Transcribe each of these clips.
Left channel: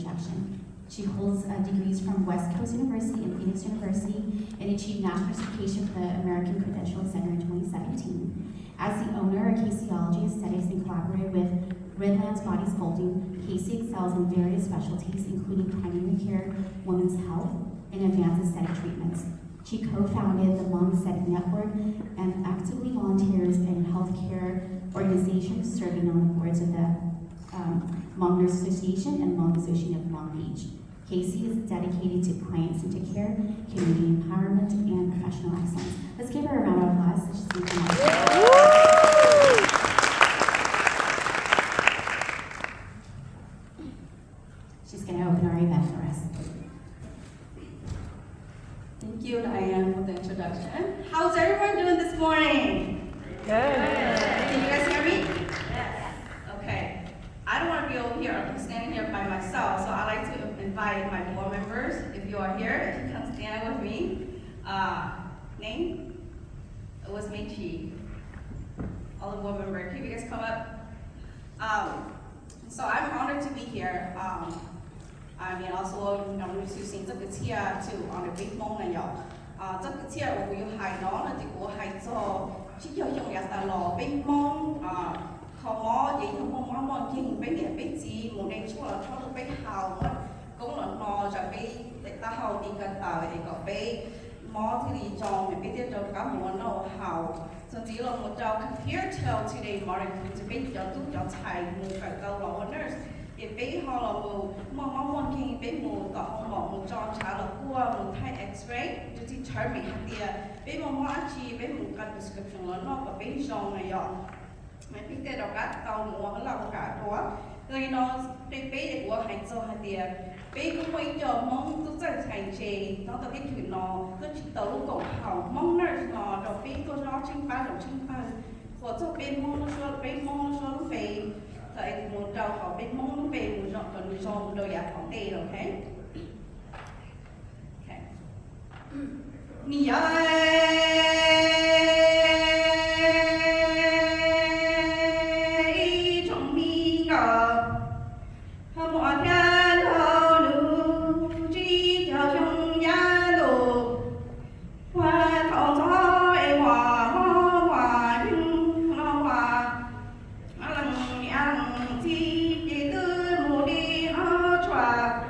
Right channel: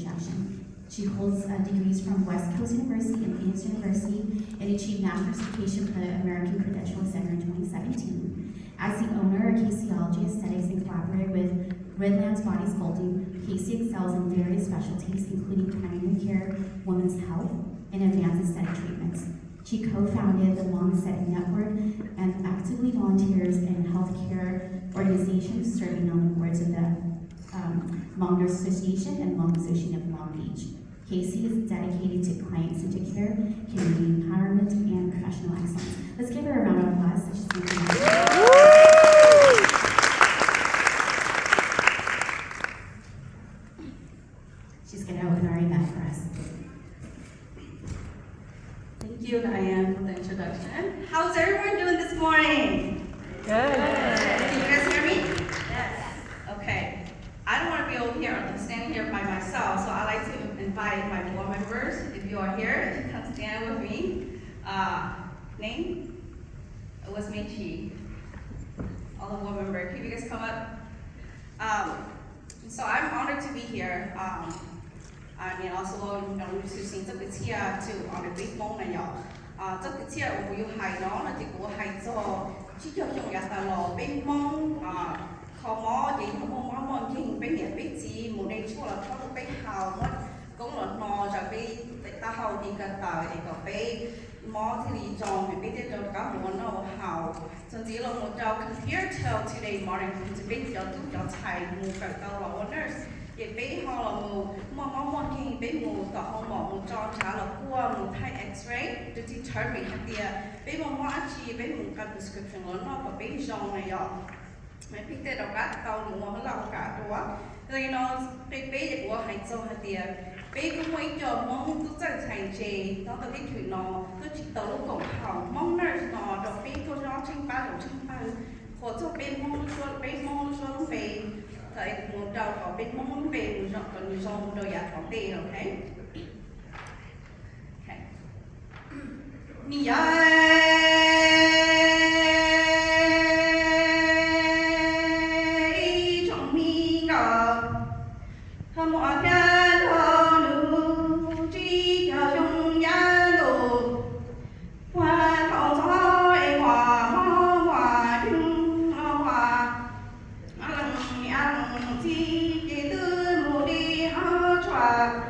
instruction. She holds degrees from West Coast University and Phoenix University and achieved national certification from the American Credentialing Center in 2017. As the owner of Caseyology Aesthetics and collaborator with Redlands Body Sculpting, Casey excels in various specialties, including primary care, women's health, and advanced aesthetic treatments. She co-founded the Lung Aesthetic Network and actively volunteers in healthcare organizations serving on the boards of the Lung Nurse Association and Lung Association of Long Beach. Casey is dedicated to client-centered care, community empowerment, and professional excellence. Let's give her a round of applause. She's going to open our event for us. Thank you, Diane, for the introduction. How's everyone doing this morning? Good. Can you guys hear me? Yes. Okay. I don't want to be over here. I'm standing here by myself, so I like to invite my board members. If you are here, if you come stand with me. Name? It was Chi. All the board members. Can you guys come up? So I'm honored to be here. And also, we're choosing to be here to on a big moment. This cái chia ở vùng hải đó là chỉ của hải cho chỉ cho chúng ta là bên mong khó mò thì không mong mong nhưng bên địa bên gì một đêm cho là không bên hào mất cũng là mò cho bên ta hào thì cần tải thì có bên mò thì cho mình bên trên đầu cá một nó hào甚至là một đầu here till today morning thì bên cho tụi cho thầy một cái tàu vào nurse thì bên họ là một mong khi bên một tàu họ một cho trả là qua một thai X-ray để determine thì bên mong chỉ bên một cái prescription là nó có bên trong này ạ mấy cái đầu cá tàu một nó làm cả đó thì nó bên bên của hai châu thì bên cũng mấy cho mong tôi chắc thầy chế nó tập bên thủy nó tôi chỉ tấu cổng hỏng mong nurse nó đầu bên tôi nó trên ba của cho bên mong cho về tại một đầu có bên mong về một dọn còn nhiều dòng đầu giả phóng tê rồi thế Mì trong mi ngờ hâm mộ thiên thơ nữ trí cho trong nhà đồ hoa thọ thọ e hòa hòa chung hòa lần ăn chi để tư mù đi hơ chòa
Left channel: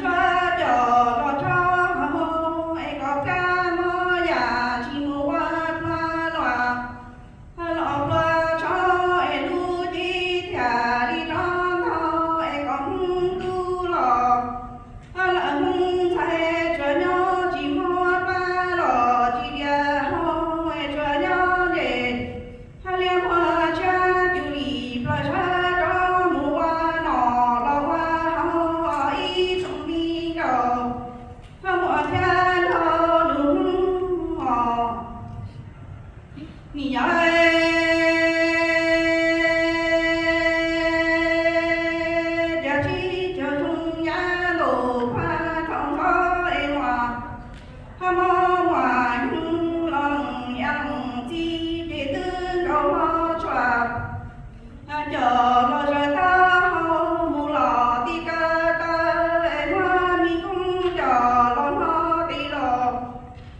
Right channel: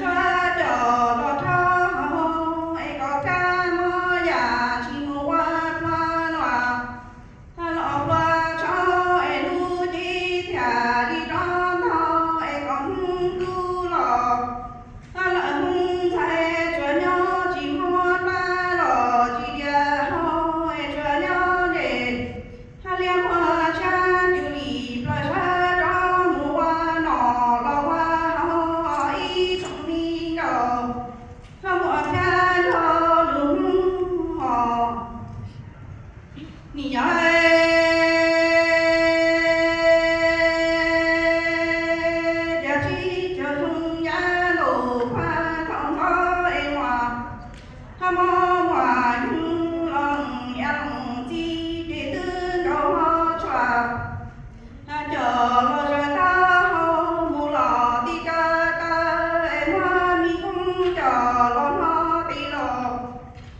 chòa chờ Hãy subscribe cho kênh Ghiền Mì Gõ để không bỏ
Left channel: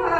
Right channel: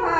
lỡ